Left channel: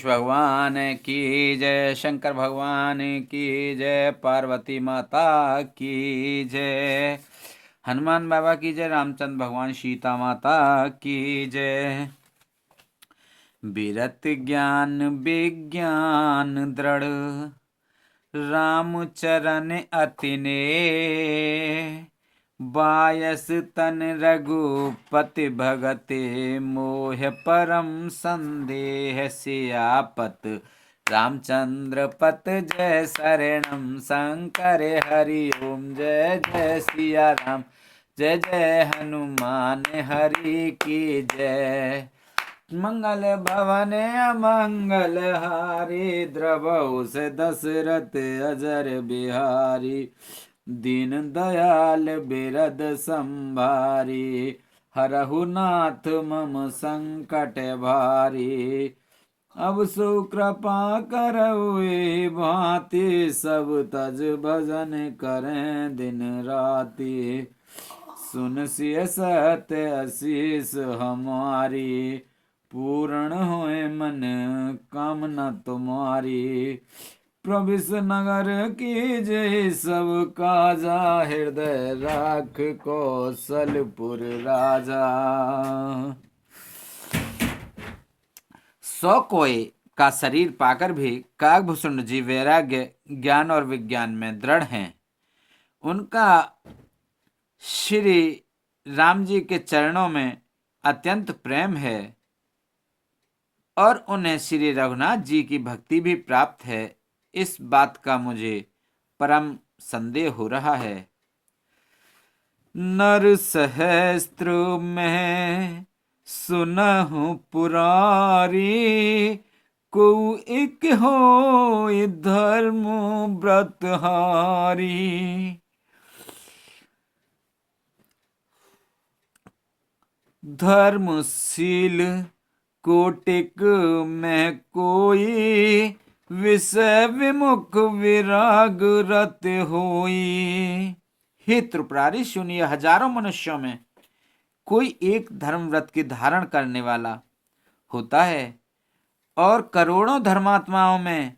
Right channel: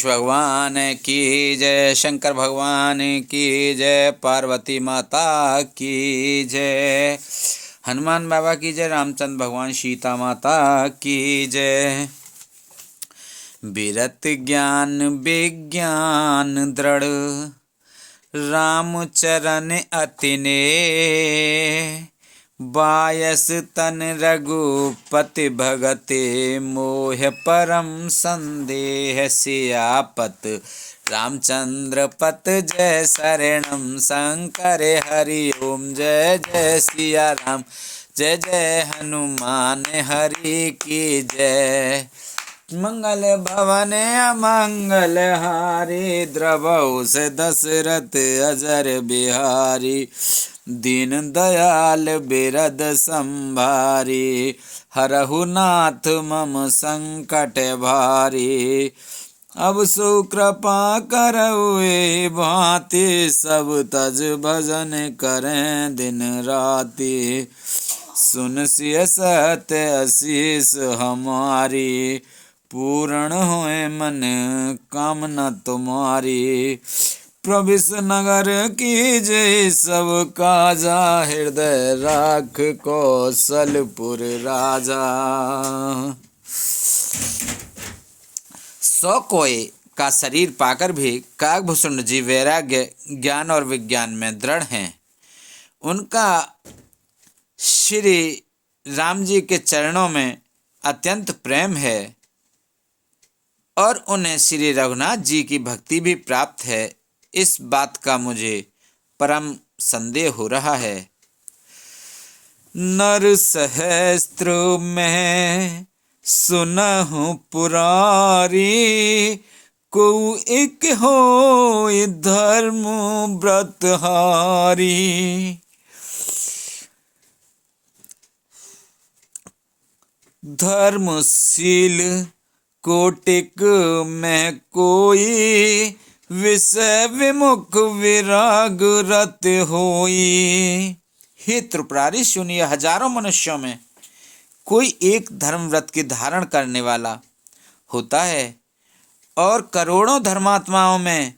भगवान की जय, शंकर भगवान की जय, पार्वती माता की जय, हनुमान बाबा की जय, रामचंद्र भगवान, सीता माता की जय। विरत ज्ञान विज्ञान दृढ़, राम चरण अति नेह, बायस तन रघुपति भगते मोह परम संदेह, सियापत रामचंद्र पत जय शरणम, शंकर हरि ओम जय जय सिया राम, जय जय हनुमान हरि की जय। मंगल भवन मंगल हारी, द्रवहु से दशरथ अजर बिहारी, दीन दयाल बिरद संभारी, हरहु नाथ मम संकट भारी। अब सो कृपा करहुए भांति, सब तज भजन करें दिन राति, सुन सिय सत्य असीस हमारी, पूर्ण होए मन कामना तुम्हारी। प्रविश नगर की जय सब काजा, हृदय राख कौशलपुर राजा। 100 कोय का शरीर पाकर भी काकभूषण जी वैराग्य ज्ञान और विज्ञान में दृढ़ हैं। उनका श्री राम जी के चरणों में अत्यंत प्रेम है और उन्हें श्री रघुनाथ जी की भक्ति भी प्राप्त है, इस बात का मुझे परम संदेह हो रहा है। नर सहस्त्र में सुनहु पुरारी, को एक हो धर्म व्रतहारी, धर्मशील कोटिक में कोई, विषय विमुख विराग रत होई। हे त्रिपुरारी सुनिए, हजारों मनुष्यों में कोई एक धर्म व्रत की धारण करने वाला होता है और करोड़ों धर्मात्माओं में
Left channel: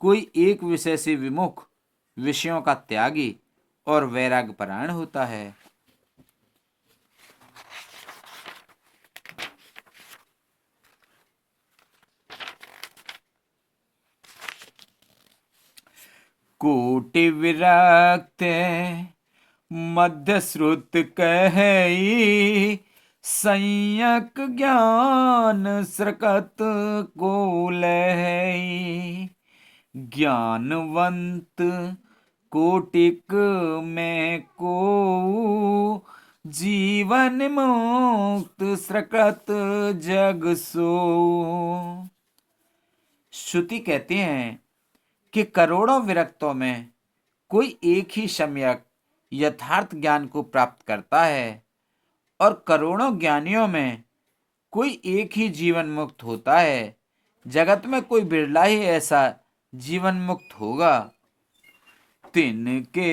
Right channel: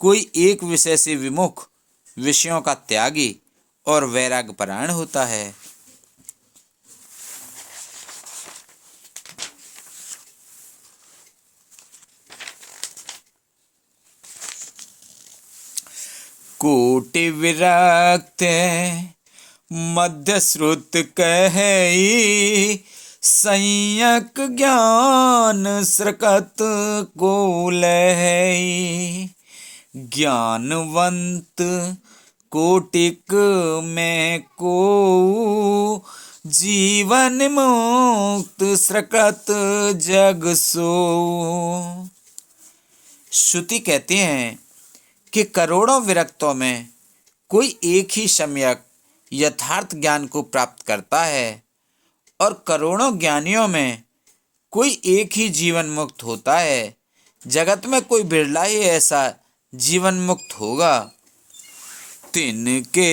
कोई एक विषय से विमुख, विषयों का त्यागी और वैराग्य परायण होता है। कोटि विरक्त मध्य श्रुत कही, संयक ज्ञान स्रकत को लहई। ज्ञानवंत कोटिक में को, जीवन मुक्त स्रकत जग सो। श्रुति कहती हैं कि करोड़ों विरक्तों में कोई एक ही सम्यक यथार्थ ज्ञान को प्राप्त करता है और करोड़ों ज्ञानियों में कोई एक ही जीवन मुक्त होता है। जगत में कोई बिरला ही ऐसा जीवन मुक्त होगा। तिनके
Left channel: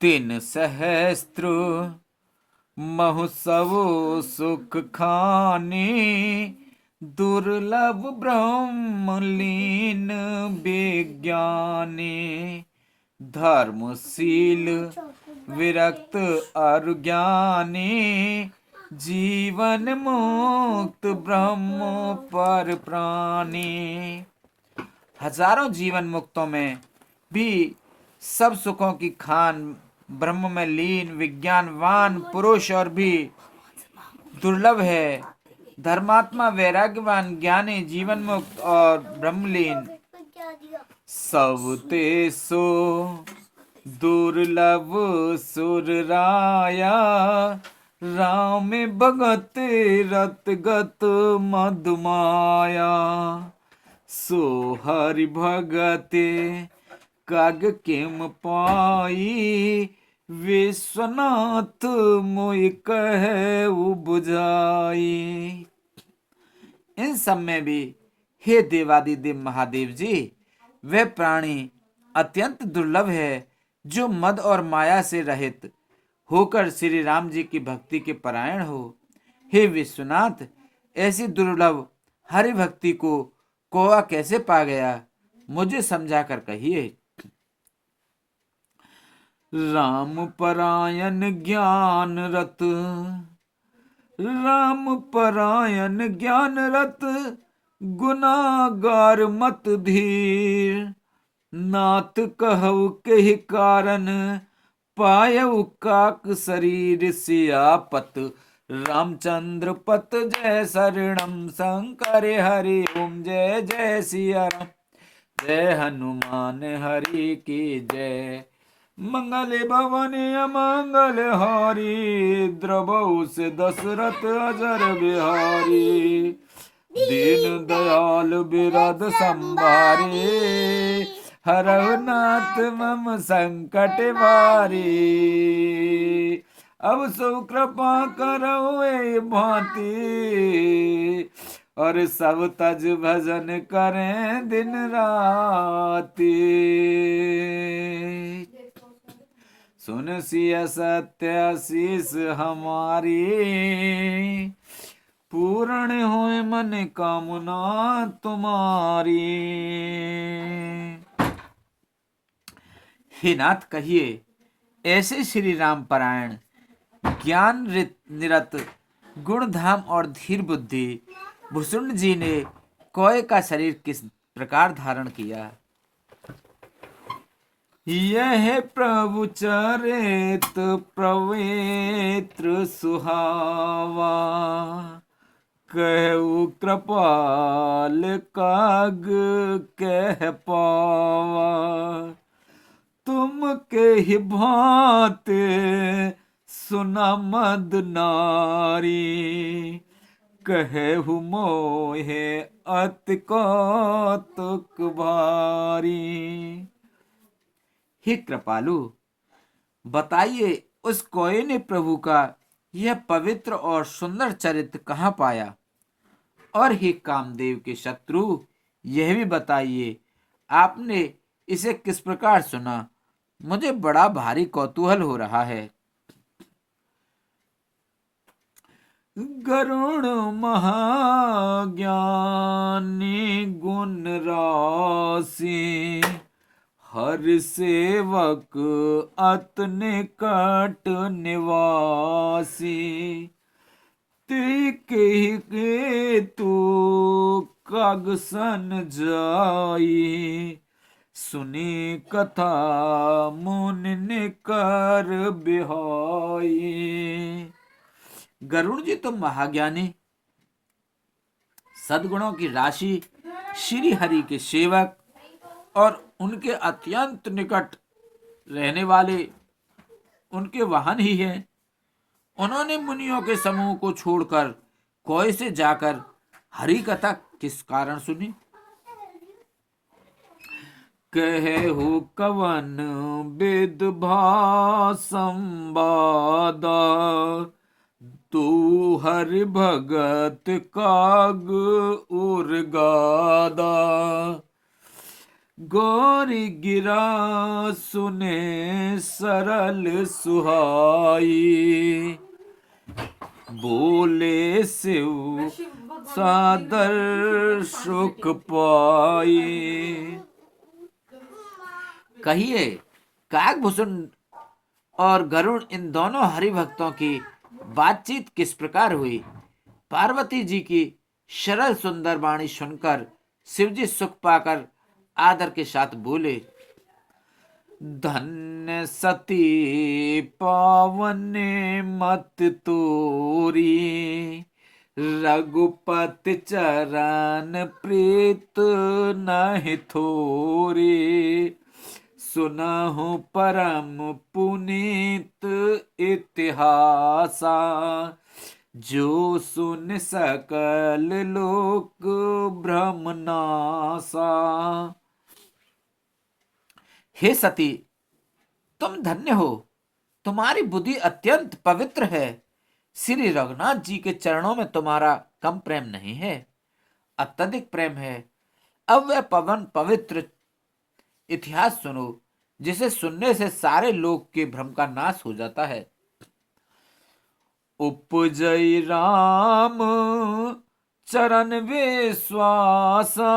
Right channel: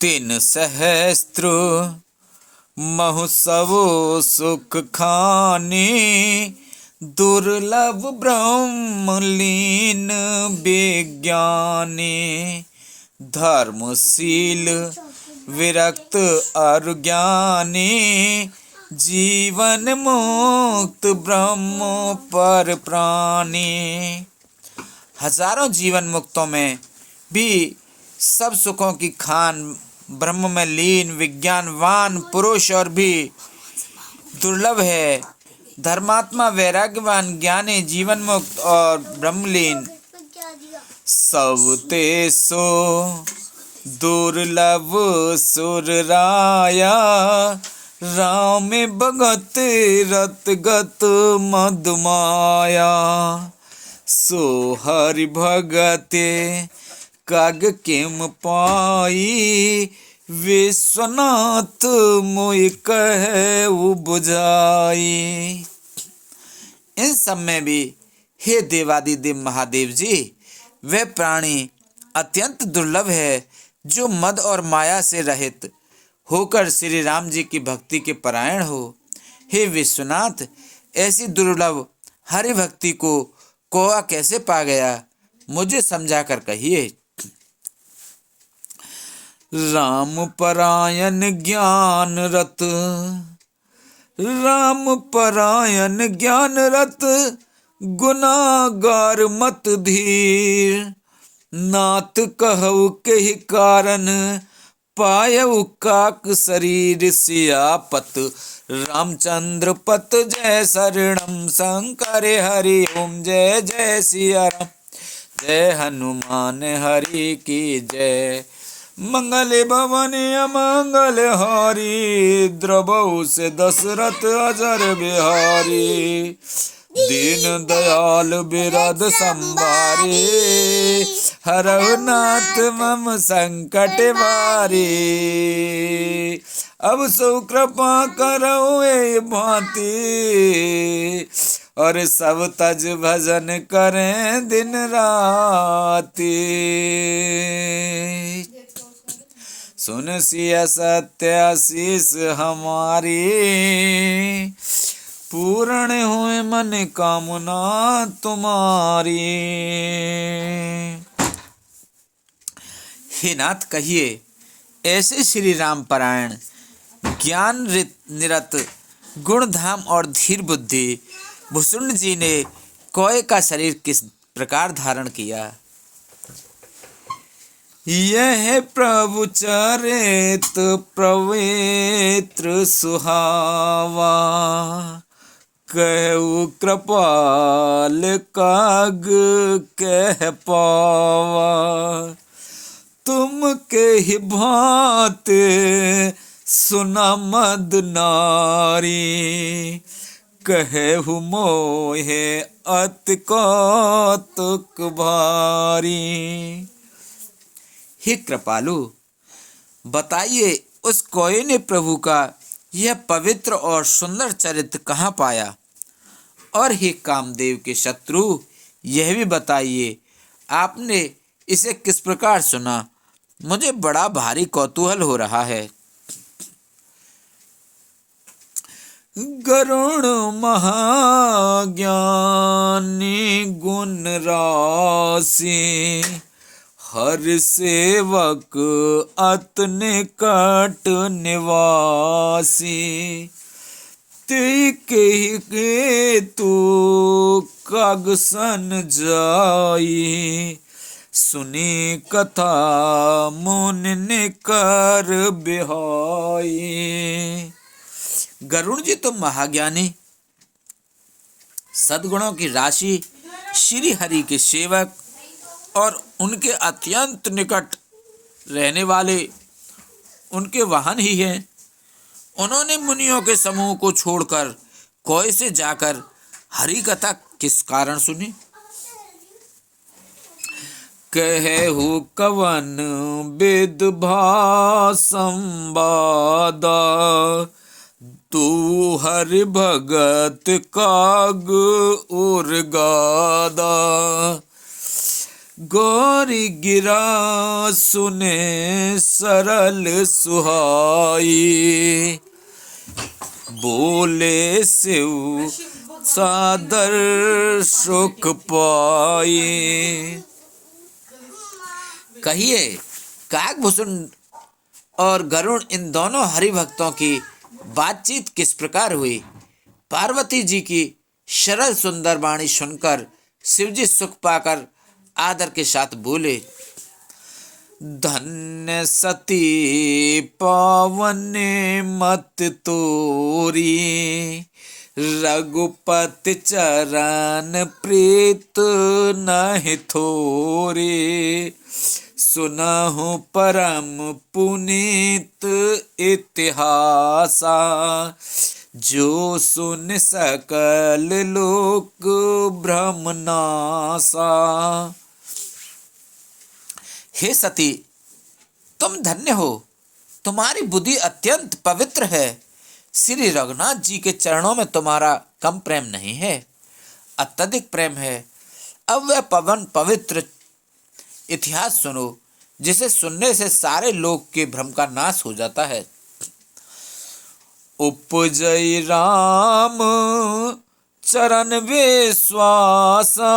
3 सहस्त्र महोत्सव सुख खानी, दुर्लभ ब्रह्मलीन विज्ञानी। धर्मशील विरक्त और ज्ञानी, जीवन मुक्त ब्रह्म पर प्राणी। हजारों जीवन मुक्तों में भी सब सुखों की खान, ब्रह्म में लीन विज्ञानवान पुरुष और भी दुर्लभ है। धर्मात्मा वैराग्यवान ज्ञानी जीवन मुक्त और ब्रह्मलीन सब तेसो दुर्लभ सुर राया। राम भगत रतगत मधुमाया, सो हरि भगते काग किम पाई। विश्वनाथ मोहि कहे बुझाई। इन सब में भी हे देवादिदेव महादेव जी, वह प्राणी अत्यंत दुर्लभ है जो मद और माया से रहित होकर श्री राम जी की भक्ति के परायण हो। हे विश्वनाथ, ऐसी दुर्लभ हरि भक्ति को कौआ कैसे पा गया, मुझे समझा कर कहिए। राम परायण ज्ञान रत, राम परायण ज्ञान रत, गुनागार मत धीर। नाथ कहु के कारण, पायउ काक शरीर। सियापत रामचंद्र पत जय शरणम, शंकर हरि ओम जय जय सिया राम। जय हनुमान हरि की जय। मंगल भवन अमंगल हारी, द्रवहु से दशरथ अजर बिहारी। दीन दयाल बिरद संभारे, हरहु नाथ मम संकट भारी। अब सो कृपा करो ए भांति, और सब तज भजन करें दिन राति। सुन सिया सत्य आशीष हमारी, पूर्ण हुए मन कामना तुम्हारी। हे नाथ कहिए, ऐसे श्री राम परायण ज्ञान निरत गुण धाम और धीर बुद्धि भुसुंड जी ने कौए का शरीर किस प्रकार धारण किया। यह प्रभु चरित पवित्र सुहावा, कहु कृपाल काग कह पावा। तुम के ही भांति सुना मद नारी, कहु मोहे अति कौतुक भारी। हे कृपालु, बताइए उस कौए ने प्रभु का यह पवित्र और सुंदर चरित्र कहाँ पाया। और हे कामदेव के शत्रु, यह भी बताइए आपने इसे किस प्रकार सुना। मुझे बड़ा भारी कौतूहल हो रहा है। गरुण महाज्ञानी गुण राशि, हर सेवक अत निकट निवासी। के तू काग सन जाई, सुनी कथा मुनि कर बिहाई। गरुण जी तुम महाज्ञानी, सद्गुणों की राशि, श्री हरि के सेवक और उनके अत्यंत निकट रहने वाले उनके वाहन ही हैं। उन्होंने मुनियों के समूह को छोड़कर कौए से जाकर हरि कथा किस कारण सुनी। कहु कवन विद संवादा, तू हरि भगत काग उर गादा। गौरी गिरा सुने सरल सुहाई, बोले शिव सादर सुख पाई। कहिए काकभूषण और गरुड़ इन दोनों हरि भक्तों की बातचीत किस प्रकार हुई। पार्वती जी की सरल सुंदर वाणी सुनकर शिवजी सुख पाकर आदर के साथ बोले, धन्य सती पावन मत तोरी, रघुपति चरण प्रीत नहीं थोरी। सुनहु परम पुनीत इतिहासा, जो सुन सकल लोक भ्रम नासा। हे सती, तुम धन्य हो, तुम्हारी बुद्धि अत्यंत पवित्र है। श्री रघुनाथ जी के चरणों में तुम्हारा कम प्रेम नहीं है, अत्यधिक प्रेम है। अब वह पवित्र इतिहास सुनो, जिसे सुनने से सारे लोक के भ्रम का नाश हो जाता है। उपजय राम चरण विश्वासा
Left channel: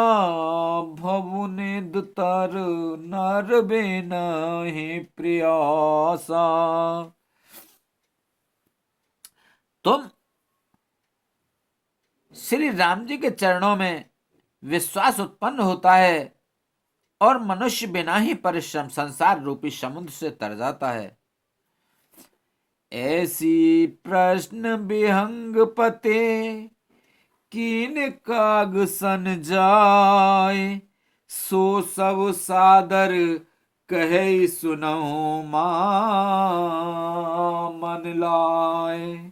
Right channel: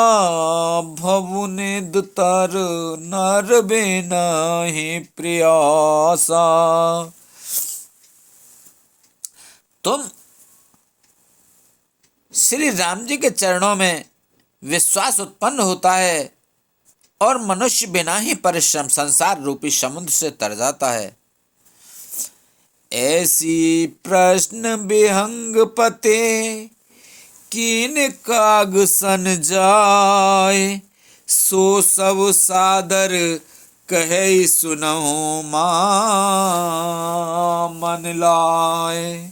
भवुने दुतर नर बिना ही प्रयासा। तुम श्री राम जी के चरणों में विश्वास उत्पन्न होता है और मनुष्य बिना ही परिश्रम संसार रूपी समुद्र से तर जाता है। ऐसी प्रश्न विहंग पते कीन काग सन जाय, सो सब सादर कहे सुनहु मां मन लाए।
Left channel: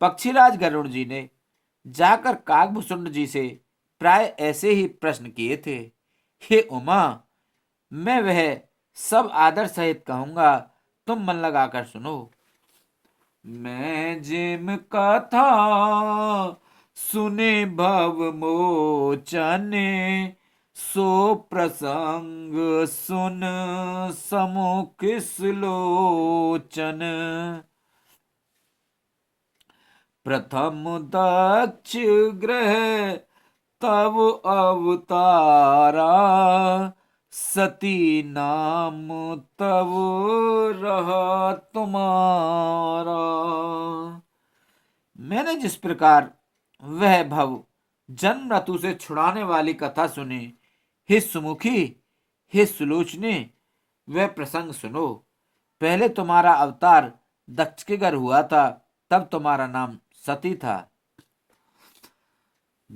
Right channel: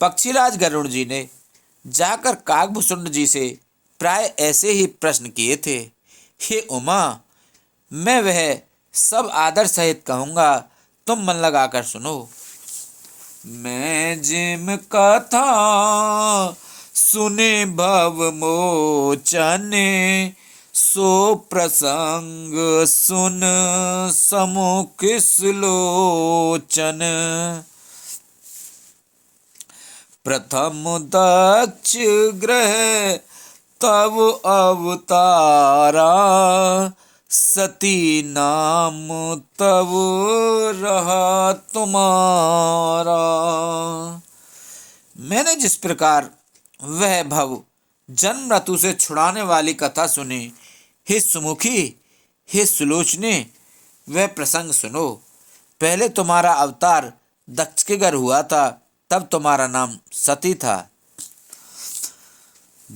पक्षीराज गरुड़ जी ने जाकर कागभूषुंड जी से प्राय ऐसे ही प्रश्न किए थे। हे उमा, मैं वह सब आदर सहित कहूंगा, तुम मन लगाकर सुनो। मैं जिम कथा सुने भव मोचने, सो प्रसंग सुन समुख सुलोचन। प्रथम दक्ष ग्रह तब अवतारा, सती नाम तब रहा तुम्हारा। मैंने जिस प्रकार वह भव जन्म मृत्यु से छुड़ाने वाली कथा सुनी, हे सुमुखी, हे सुलोचने, वह प्रसंग सुनो। पहले तुम्हारा अवतार दक्ष के घर हुआ था, तब तुम्हारा नाम सती था।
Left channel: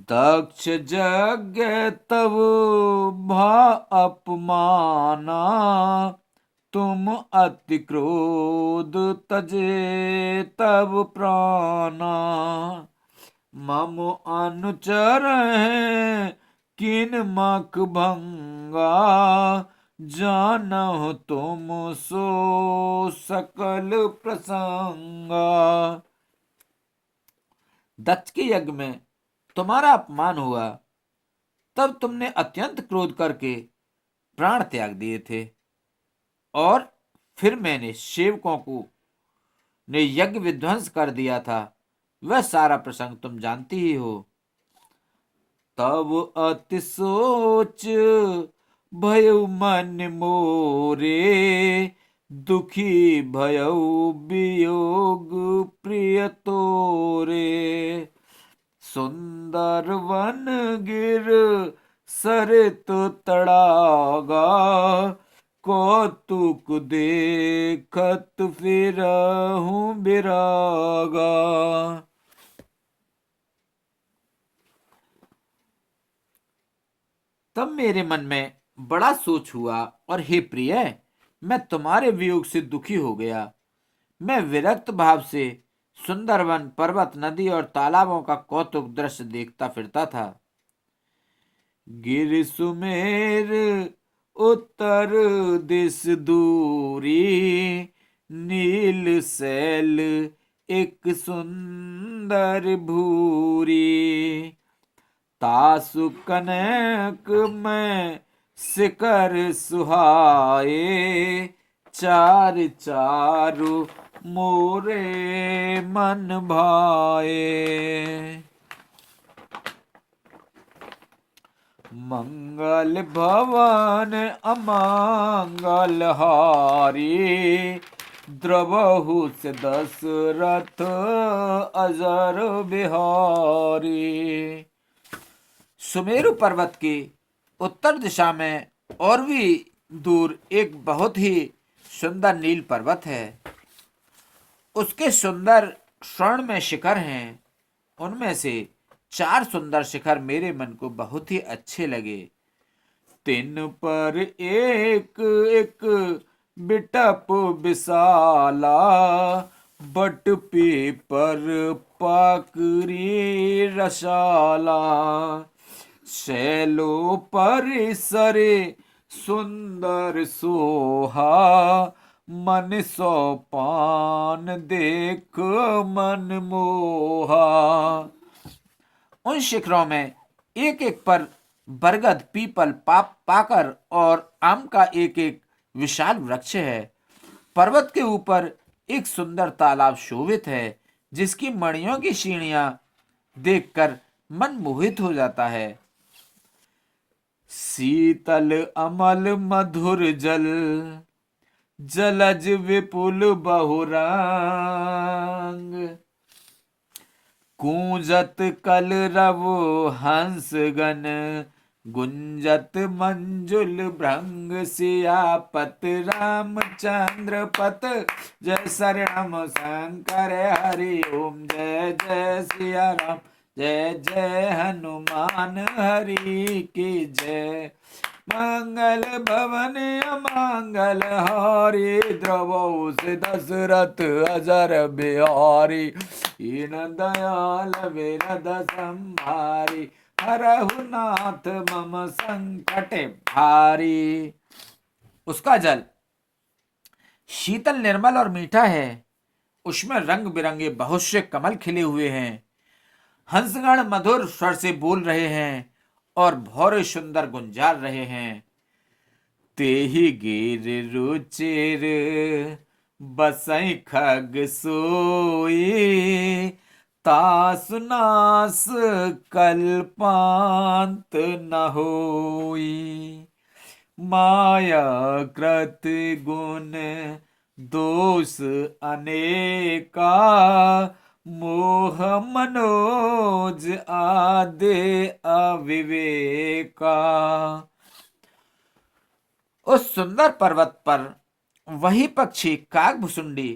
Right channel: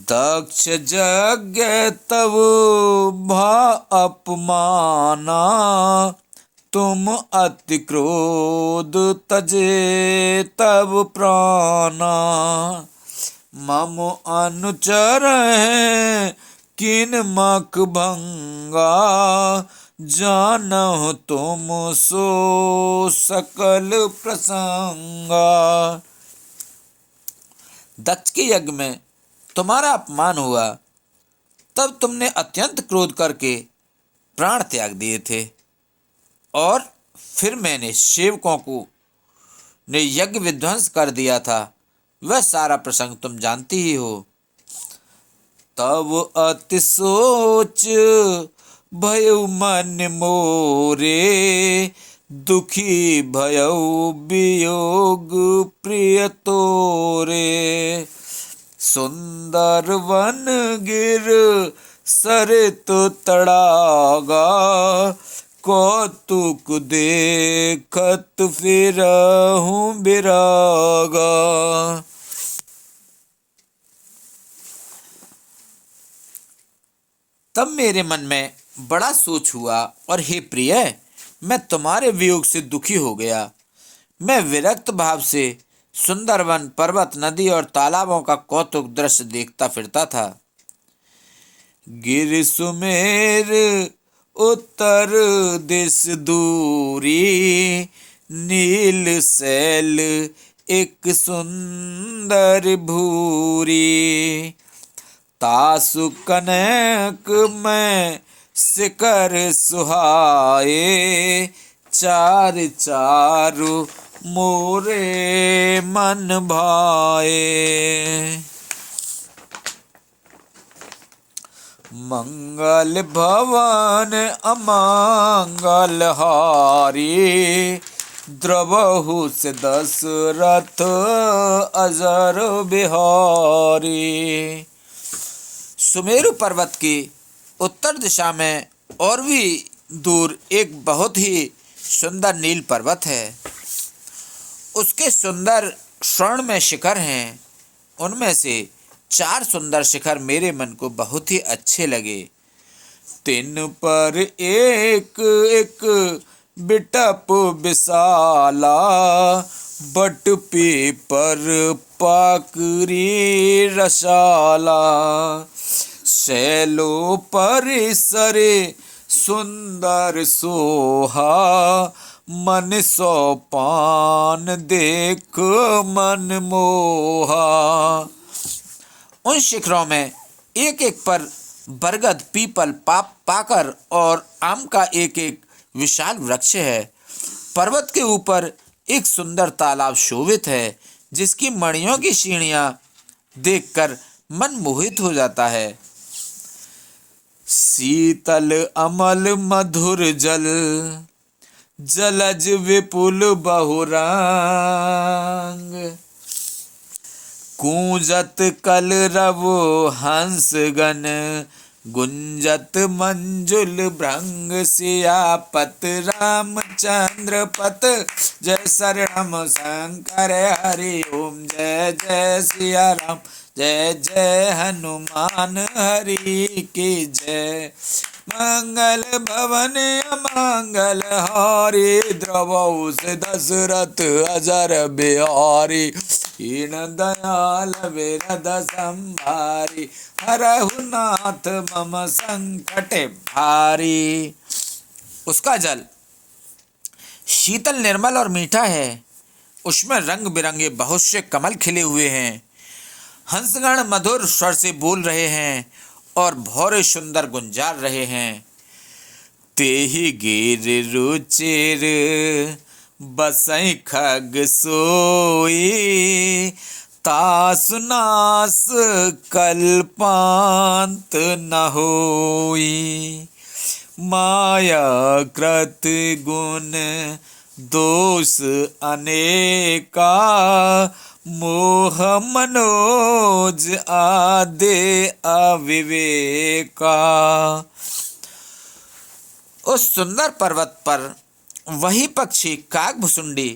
दक्ष यज्ञ तब भा अपमाना, तुम अति क्रोध तजे तब प्राणा। मम अनुचर है किन मख भंगा, जानहु तुम सो सकल प्रसंगा। दक्ष के यज्ञ में तुम्हारा अपमान हुआ, तब तुमने अत्यंत क्रोध करके प्राण त्याग दिए थे, और फिर मैंने सेवकों को ने यज्ञ विध्वंस कर दिया था। वह सारा प्रसंग तुम जानती ही हो। तब अति सोच भयउ मन मोरे, दुखी भयउ वियोग प्रिय तोरे। सुंदर वन गिर सरित तड़ागा, कौतुक देखत फिरहूं बिरागा। तब मेरे मन में बड़ा सोच हुआ, और हे प्रिय, मैं तुम्हारे वियोग से दुखी हो गया। मैं विरक्त भाव से सुंदरवन, पर्वत, नदी और तालाबों का कौतुक दृश्य देखता फिरता था। गिर सुमेर उत्तर दिस दूरी, नील सैल एक सुंदर भूरी। तासु कनक में शिखर सुहाए, चार चारु मोरे मन भाए। मंगल भवन अमंगल हारी, द्रवहु से दशरथ अजर बिहारी। सुमेरु पर्वत की उत्तर दिशा में और भी दूर एक बहुत ही सुंदर नील पर्वत है। उसके सुंदर स्वर्ण में शिखर हैं। उनमें से 4 सुंदर शिखर मेरे मन को बहुत ही अच्छे लगे। तिन पर एक एक बिटप विशाला, बट पीपर पाकरी रसाला। शैलो परिसरे सुंदर सोहा, मन सो पान देख मन मोहा। उन शिखरों में एक एक पर बरगद, पीपल, पाकर और आम का एक एक विशाल वृक्ष है। पर्वत के ऊपर एक सुंदर तालाब शोभित है, जिसकी मणियों की सीढ़ियां देखकर मन मोहित हो जाता है। शीतल अमल मधुर जल, जलज विपुल बहुरांग। कूंजत कलरव हंसगण, गुंजत मंजुल भृंग। सियापत रामचंद्र पत, जय शरणम शंकर हरि ओम। जय जय सिया राम, जय जय हनुमान हरि की जय। मंगल भवन अमंगल हारी, द्रवहुस दशरथ अजर बिहारी। हीन दयाल विरद संभारी, हरहु नाथ मम संकट भारी। उसका जल शीतल निर्मल और मीठा है। उसमें रंग बिरंगे बहुत से कमल खिले हुए हैं। हंसगण मधुर स्वर से बोल रहे हैं और भौरे सुंदर गुंजार रहे हैं। तेहि गिर रुचिर बसई खग सोई, तासु नास कल्पांत न होई। माया कृत गुण दोष अनेका, मोह मनोज आदे अविवेका। उस सुंदर पर्वत पर वही पक्षी काकभुसुंडी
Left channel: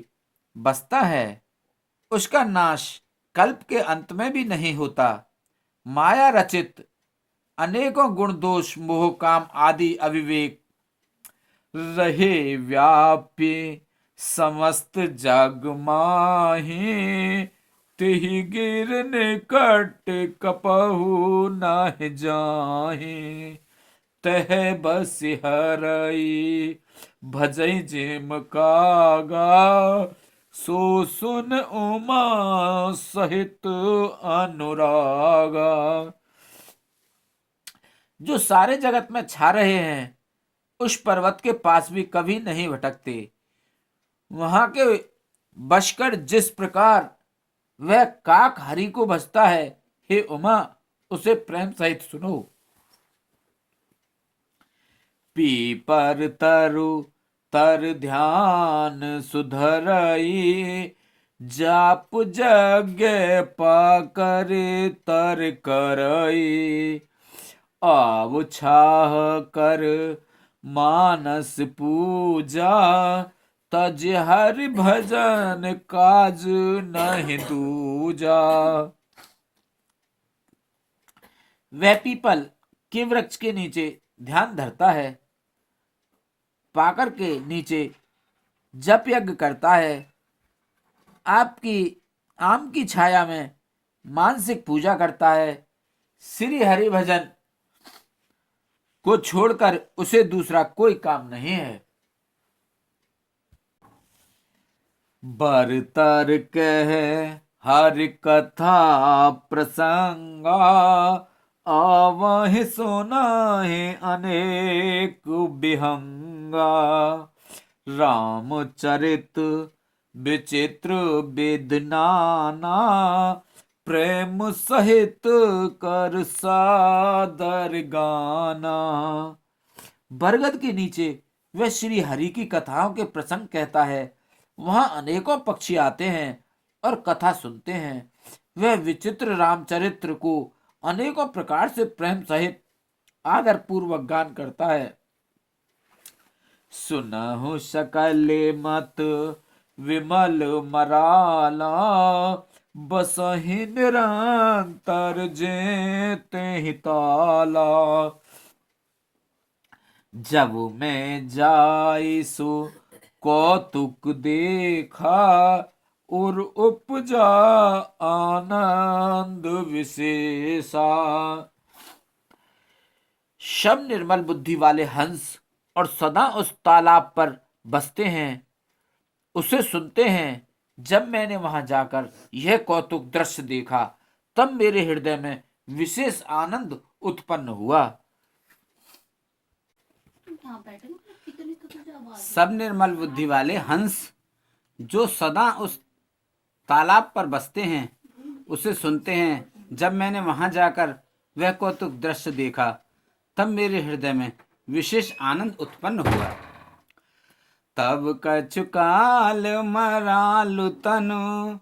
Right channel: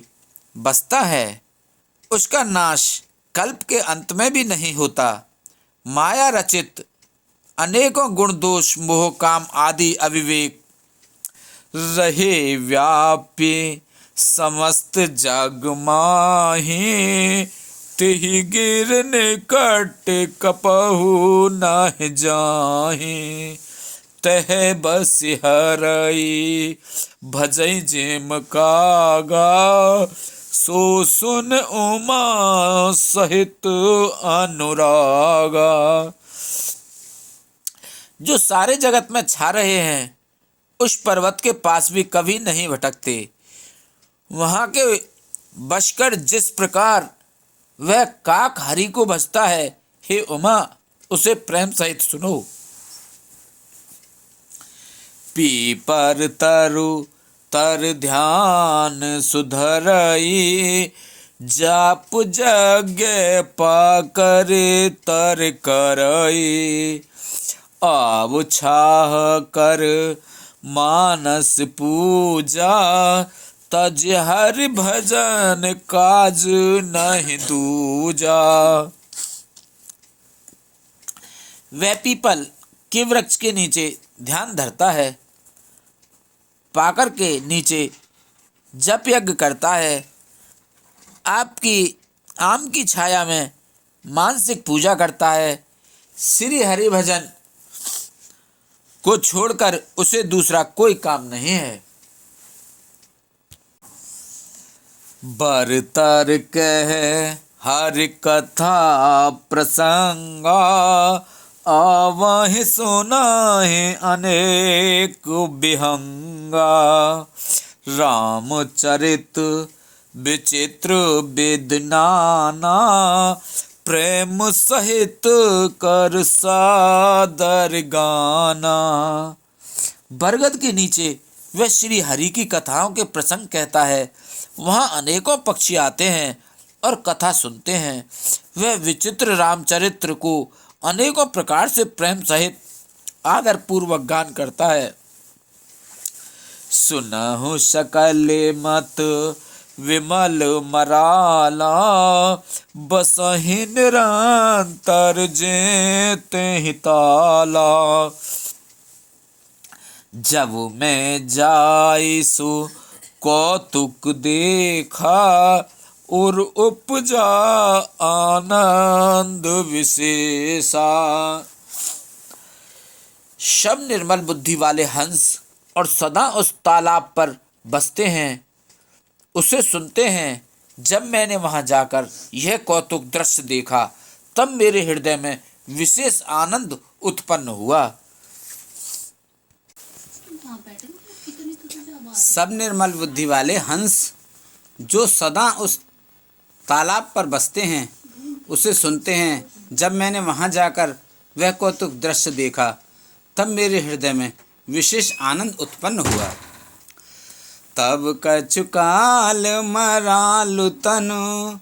बसता है। उसका नाश कल्प के अंत में भी नहीं होता। माया रचित अनेकों गुण दोष मोह काम आदि अविवेक रहे व्यापी समस्त जग माही। तिहि गिर निकट कपहु नाहि जाहि, तह बस हरई भजई जेम कागा। सो सुन उमा सहित अनुरागा। जो सारे जगत में छा रहे हैं, उस पर्वत के पास भी कभी नहीं भटकते। वहां के बशकर जिस प्रकार वह काक हरि को भजता है, हे उमा उसे प्रेम सहित सुनो। पीपर तरु तर ध्यान सुधरई, जाप जग पाकर तर करई। आव छाह कर मानस पूजा, तज हरि भजन काज नहीं दूजा। वह पीपल के वृक्ष के नीचे ध्यान धरता है, पाकर के नीचे जप यज्ञ करता है, आपकी आम की छाया में मानसिक पूजा करता है। श्री हरि भजन को छोड़कर उसे दूसरा कोई काम नहीं है। बरतर कह हरि कथा प्रसंगा, आवहि सुनाहि अनेक विहंगा। रामचरित विचित्र वेद नाना, प्रेम सहित कर सादर गाना। बरगद के नीचे वह श्री हरि की कथाओं के प्रसंग कहता है। वहाँ अनेकों पक्षी आते हैं और कथा सुनते हैं। वह विचित्र रामचरित्र को अनेकों प्रकार से प्रेम सहित आदर पूर्वक गान करता है। सुनहु सकल मत विमल मराला, बसहि निरंतर जेते ही ताला। जब मैं जाइसु कौतुक देखा, और उपजा आनंद विशेषा। शब निर्मल बुद्धि वाले हंस और सदा उस तालाब पर बसते हैं, उसे सुनते हैं। जब मैंने वहां जाकर यह कौतुक दृश्य देखा, तब मेरे हृदय में विशेष आनंद उत्पन्न हुआ। सब निर्मल बुद्धि वाले हंस जो सदा उस तालाब पर बसते हैं, उसे सुनते हैं। जब मैंने वहां जाकर वह कौतुक दृश्य देखा तब मेरे हृदय में विशेष आनंद उत्पन्न हुआ। तब कछु काल मरालु तनु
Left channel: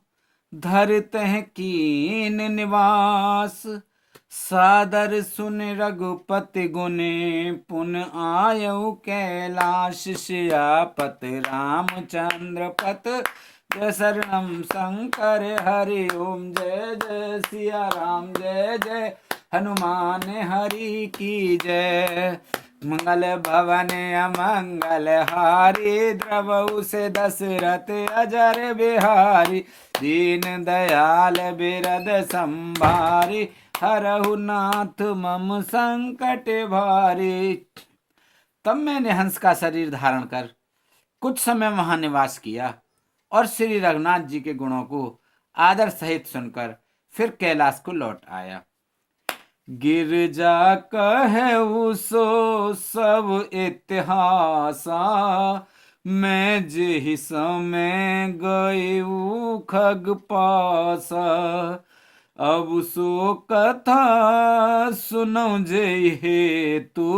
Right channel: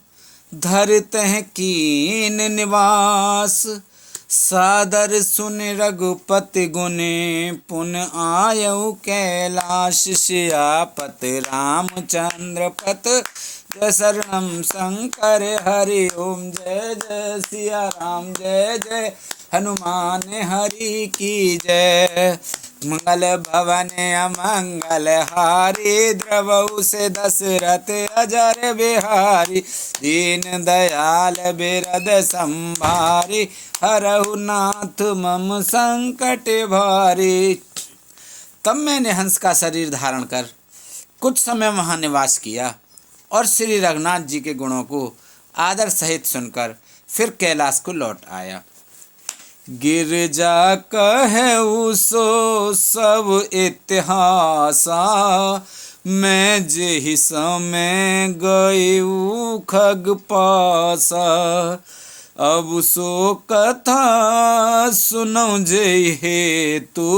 धरतह कीन निवास, सादर सुन रघुपति गुने पुन आयऊ कैलाश, सियापत रामचंद्र पत जय शरणम शंकर हरि ओम जय जय सिया राम जय जय हनुमान हरि की जय। मंगल भवन अमंगल हारी द्रवऊ से दशरथ अजर बिहारी, दीन दयाल बिरद संभारी, हरहु नाथ मम संकट भारी। तब मैंने हंस का शरीर धारण कर कुछ समय वहां निवास किया और श्री रघुनाथ जी के गुणों को आदर सहित सुनकर फिर कैलाश को लौट आया। गिरजा कहु सो सब इतिहासा, मैं जेहि समय गयऊ खग पासा, अब सो कथा सुनो जय हेतु,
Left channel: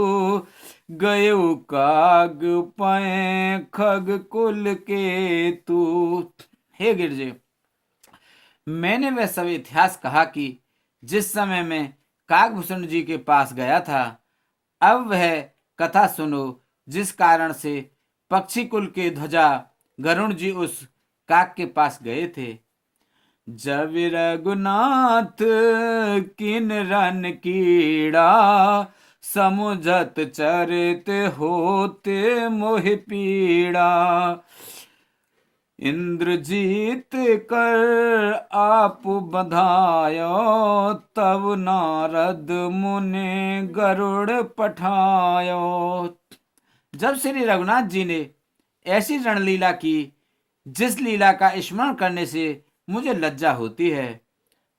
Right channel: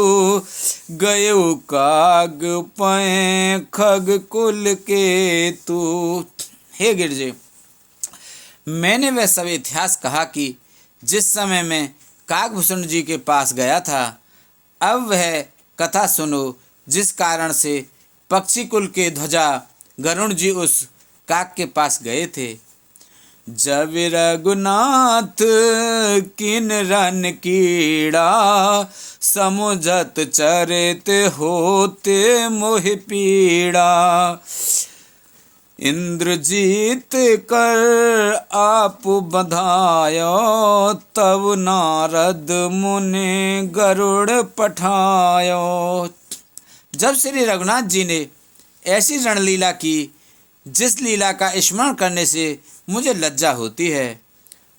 गयो काग पै खग कुल के तू। हे गिरजे, मैंने वह सब इतिहास कहा कि जिस समय मैं काकभूषण जी के पास गया था, अब वह कथा सुनो जिस कारण से पक्षी कुल के ध्वजा गरुण जी उस काक के पास गए थे। जब रघुनाथ किन रन कीड़ा, समुझत चरित होते मोहि पीड़ा, इंद्रजीत कर आप बधायो, तब नारद मुनि गरुड़ पठायो। जब श्री रघुनाथ जी ने ऐसी रणलीला की जिस लीला का स्मरण करने से मुझे लज्जा होती है,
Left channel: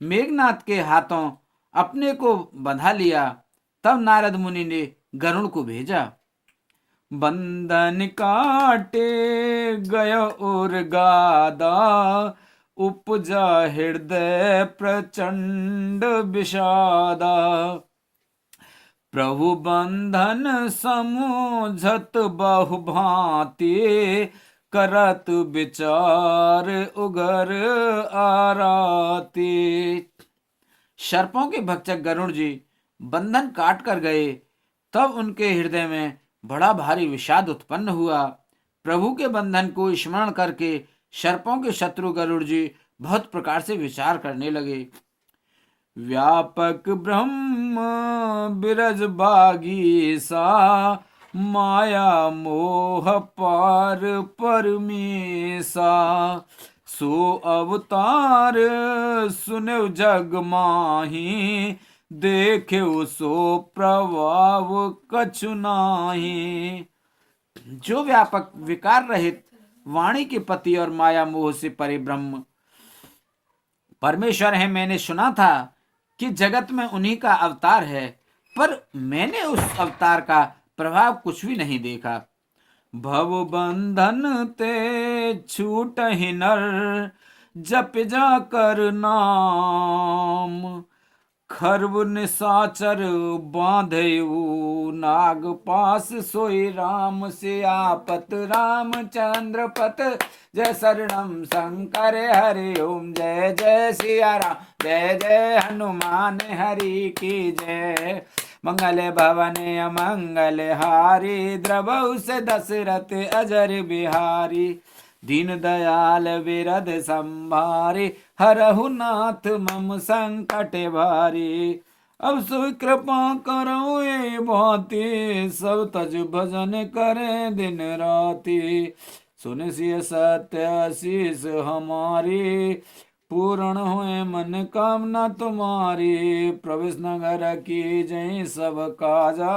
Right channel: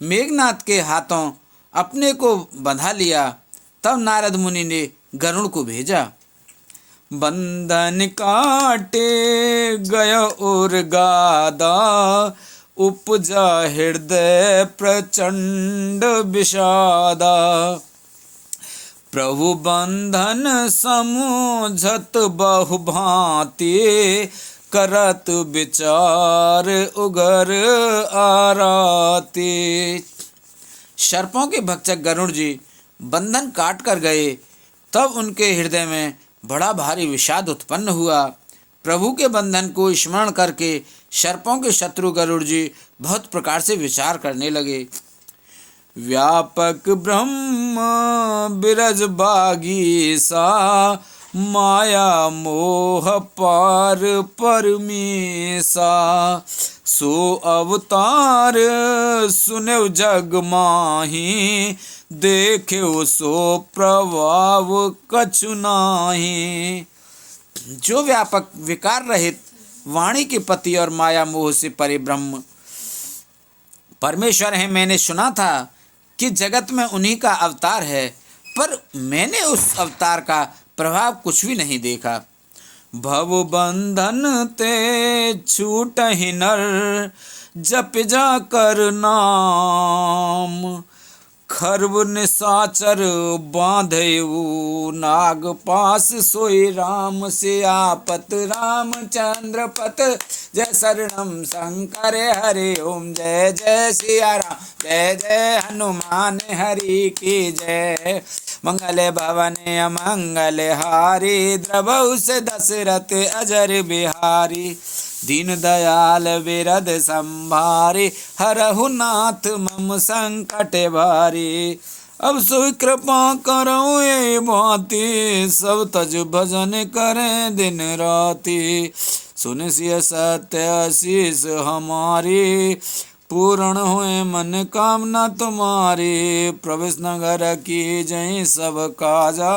मेघनाथ के हाथों अपने को बंधा लिया, तब नारद मुनि ने गरुड़ को भेजा। बंधन काटे गय और गादा, उपजा हृदय प्रचंड विषादा, प्रभु बंधन समझत बहु भांति, करत विचार उगर आराते। सर्पों के भक्षक गरुड़ जी बंधन काट कर गए, तब उनके हृदय में बड़ा भारी विषाद उत्पन्न हुआ। प्रभु के बंधन को स्मरण करके सर्पों के शत्रु गरुड़ जी बहुत प्रकार से विचार करने लगे। व्यापक ब्रह्म बिरज बागीसा, माया मोह पार परमेसा, सो अवतार सुनेव जग माही, देखे सो प्रभाव कछु नाही। जो व्यापक विकार रहित वाणी के पति और माया मोह से परे ब्रह्म परमेश्वर है, मैंने सुना था कि जगत में उन्हीं का अवतार है, पर मैंने उस अवतार का प्रभाव कुछ भी नहीं देखा। भव बंधन ते छूटहि नर, जप जा कर नाम, खर्व निशाचर बांधेऊ नाग पास, सोई राम सियापत रामचंद्र पत, जय शरणम शंकर हरि ओम जय जय सिया राम जय जय हनुमान हरि की जय। मंगल भवन अमंगल हारी, द्रवऊ से दशरथ अजर बिहारी, दीन दयाल बिरद संभारी, हरहु नाथ मम संकट भारी। अब सो कृपा करो ये भांति, सब तज भजन करें दिन राति, सुन सिय सत्य आशीष हमारी, पूर्ण होए मन कामना तुम्हारी। प्रवेश नगर की जय सब काजा,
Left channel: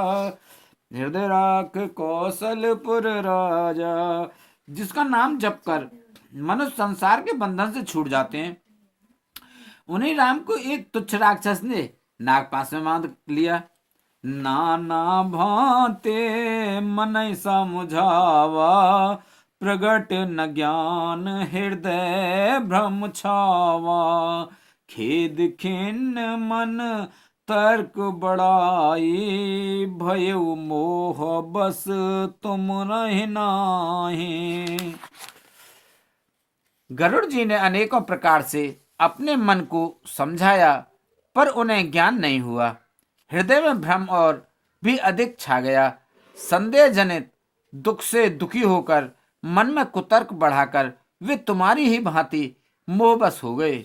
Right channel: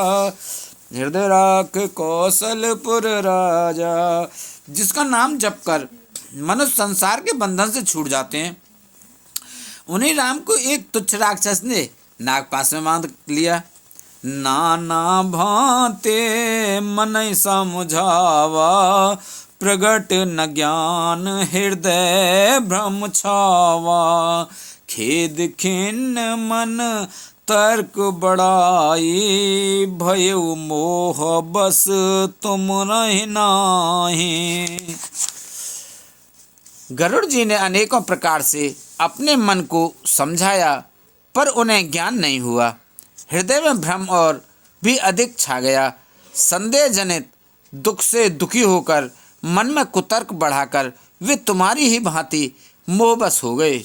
हृदय राख कौशलपुर राजा। जिसका नाम जप कर मनुष्य संसार के बंधन से छूट जाते हैं, उन्हीं राम को एक तुच्छ राक्षस ने नागपाश में बांध लिया। नाना भांते मन समझावा, प्रगट न ज्ञान हृदय भ्रम छावा, खेद खिन्न मन तर्क बड़ाई, भयउ मोह बस तुम रहि नाहि। गरुड़ जी ने अनेकों प्रकार से अपने मन को समझाया, पर उन्हें ज्ञान नहीं हुआ। हृदय में भ्रम और भी अधिक छा गया। संदेह जनित दुख से दुखी होकर, मन में कुतर्क बढ़ाकर वे तुम्हारी ही भांति मोहबस हो गए।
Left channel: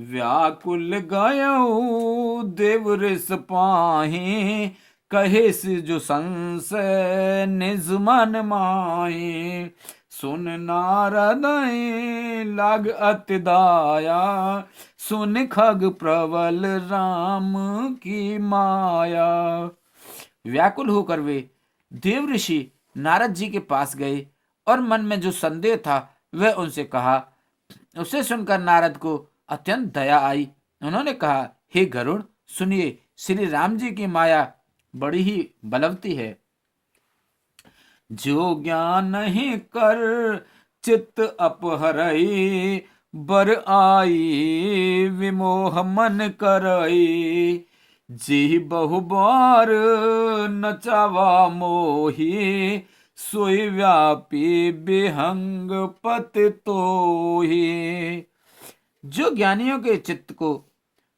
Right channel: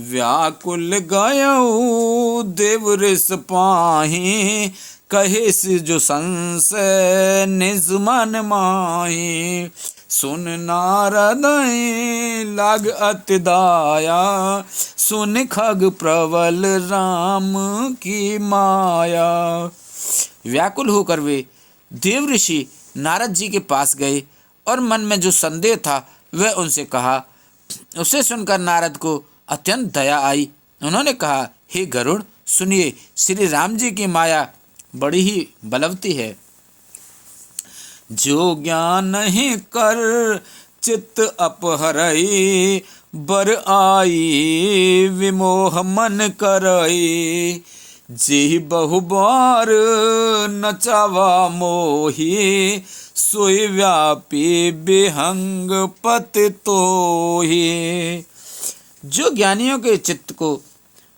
व्याकुल गयो देव ऋष पाहि, कहे से जो संशय निज मन माहि। सुन नारद लाग अति दाया, सुन खग प्रबल राम की माया। व्याकुल होकर वे देव ऋषि नारद जी के पास गए और मन में जो संदेह था वह उनसे कहा। उसे सुनकर नारद को अत्यंत दया आई। उन्होंने कहा, हे गरुड़, सुनिए, श्री राम जी की माया बड़ी ही बलवती है। जो ज्ञान नहीं कर चित्त अपहरई, बर आई विमोह मन करई। जी बहु बार नचावा मोही, सोई व्यापी बिहंग पति तोही। जो ज्ञानियों के चित्त को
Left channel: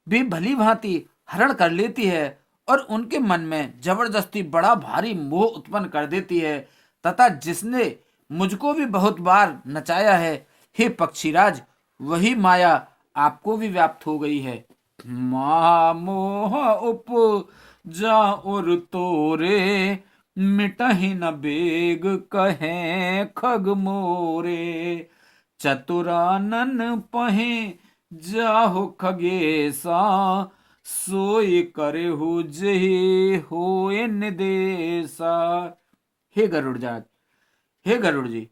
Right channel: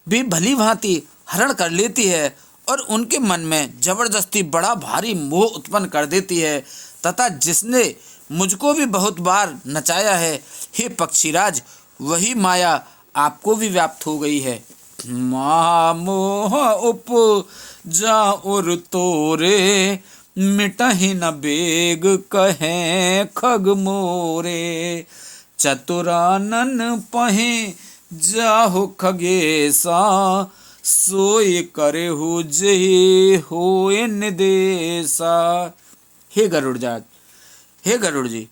भी भली भांति हरण कर लेती है और उनके मन में जबरदस्ती बड़ा भारी मोह उत्पन्न कर देती है, तथा जिसने मुझको भी बहुत बार नचाया है, हे पक्षीराज, वही माया आपको भी व्याप्त हो गई है। मोह उपजा उर तोरे, मिटहि न बेग कहें खग मोरे। चतुरानन पहे जाहु खगेसा, सोई करे हो जही होए निदेशा। हे गरुड़ जात, हे गरुड़ जी,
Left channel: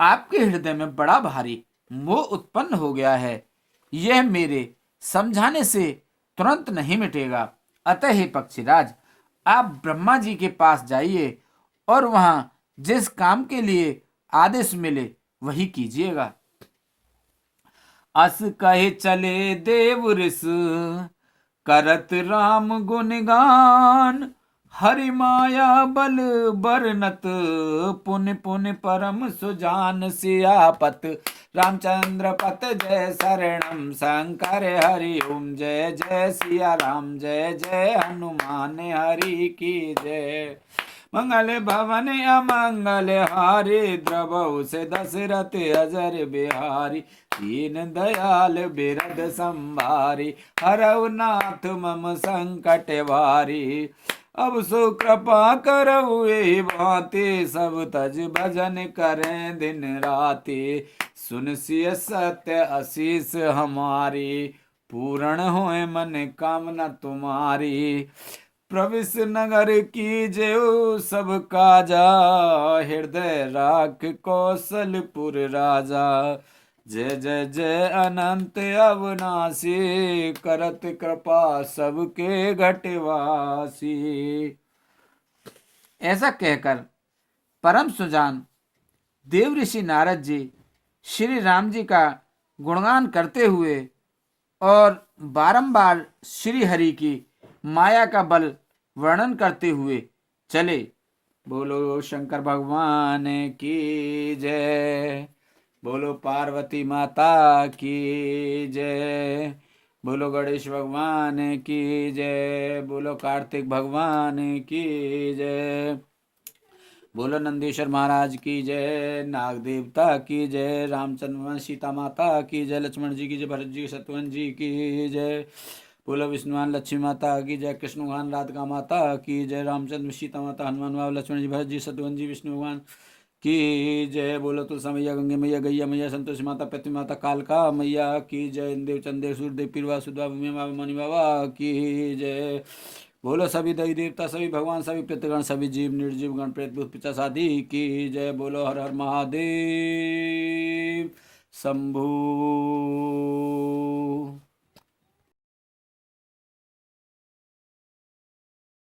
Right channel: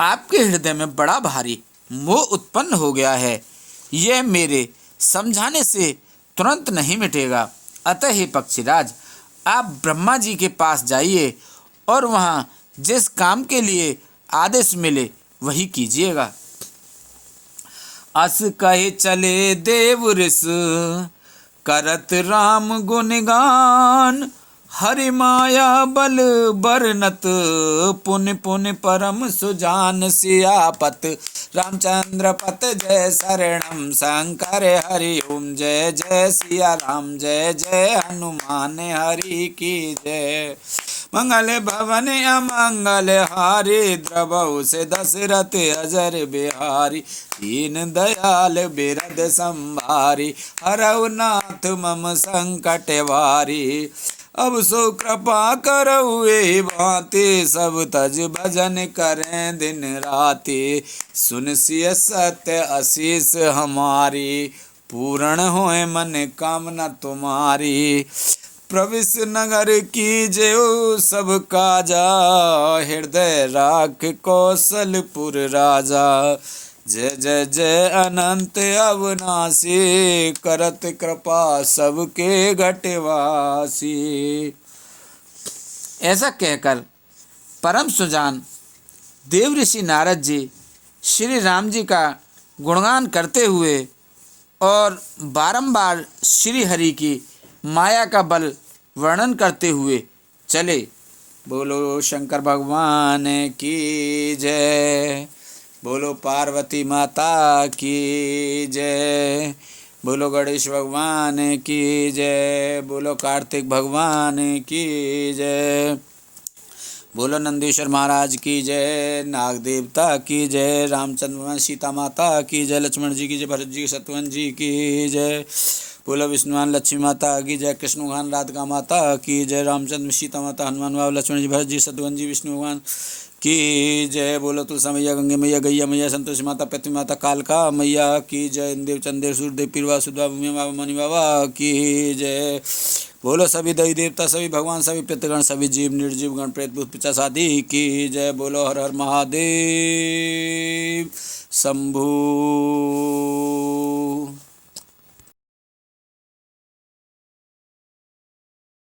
आपके हृदय में बड़ा भारी मोह उत्पन्न हो गया है। यह मेरे समझाने से तुरंत नहीं मिटेगा। अतः हे पक्षीराज, आप ब्रह्मा जी के पास जाइए और वहाँ जिस काम के लिए आदेश मिले वही कीजिएगा। अस कहे चले देव ऋष, करत राम गुणगान। हरि माया बल बरनत, पुन पुन परम सुजान। सियापत रामचंद्र पत जय शरणम, शंकर हरि ओम जय जय सिया राम, जय जय हनुमान हरि की जय। मंगल भवन अमंगल हारी, द्रवहु से दशरथ अजर बिहारी। दीन दयाल बिरद संभारी, हरऊ नाथ मम संकट वारी। अब सो कृपा करऊ एहि भांति, सब तज भजन करें दिन राति। सुन सिय सत्य आशीष हमारी, पूर्ण होए मन कामना तुम्हारी। प्रविश नगर की जयो सब काजा, हृदय राख कौशलपुर राजा। जय जय जय अनंत अविनाशी, करत कृपा सबके घटवासी। ऐसा कहकर परम सुजान देव ऋषि नारद जी श्री राम जी का गुणगान करते हुए और बारंबार श्री हरि की माया का बल वर्णन करते हुए चले। बोलो शंकर भगवान की जय, बोलो पार्वती माता की जय, बोलो गणेश भगवान की जय, बोलो कार्तिक भगवान की जय, बोलो नंदीश्वर महाराज की जय, नाग देवता की जय, रामचंद्र भगवान सीता माता की जय, लक्ष्मण जी की जय, भरत जी शत्रुघ्न जी की जय, बोलो विष्णुवान लक्ष्मी माता की जय, कृष्ण भगवान राधिका माता की जय, रामचंद्र सीता माता हनुमान बाबा लक्ष्मण जी भरत जी शत्रुघ्न जी विष्णु भगवान की जय। बोलो तुलसा मैया, गंगे मैया, गैया मैया, संतोषी माता, पृथ्वी माता, कालका मैया की जय, इंदेव चंदेव सूर्यदेव पीरवा सुधा भूमि बाबा मणि बाबा की जय। बोलो सभी देवी देवता, सभी भगवान, सभी पितृगण, सभी जीव निर्जीव गण प्रेत भूत पिशाच आदि की जय। बोलो हर हर महादेव शंभू।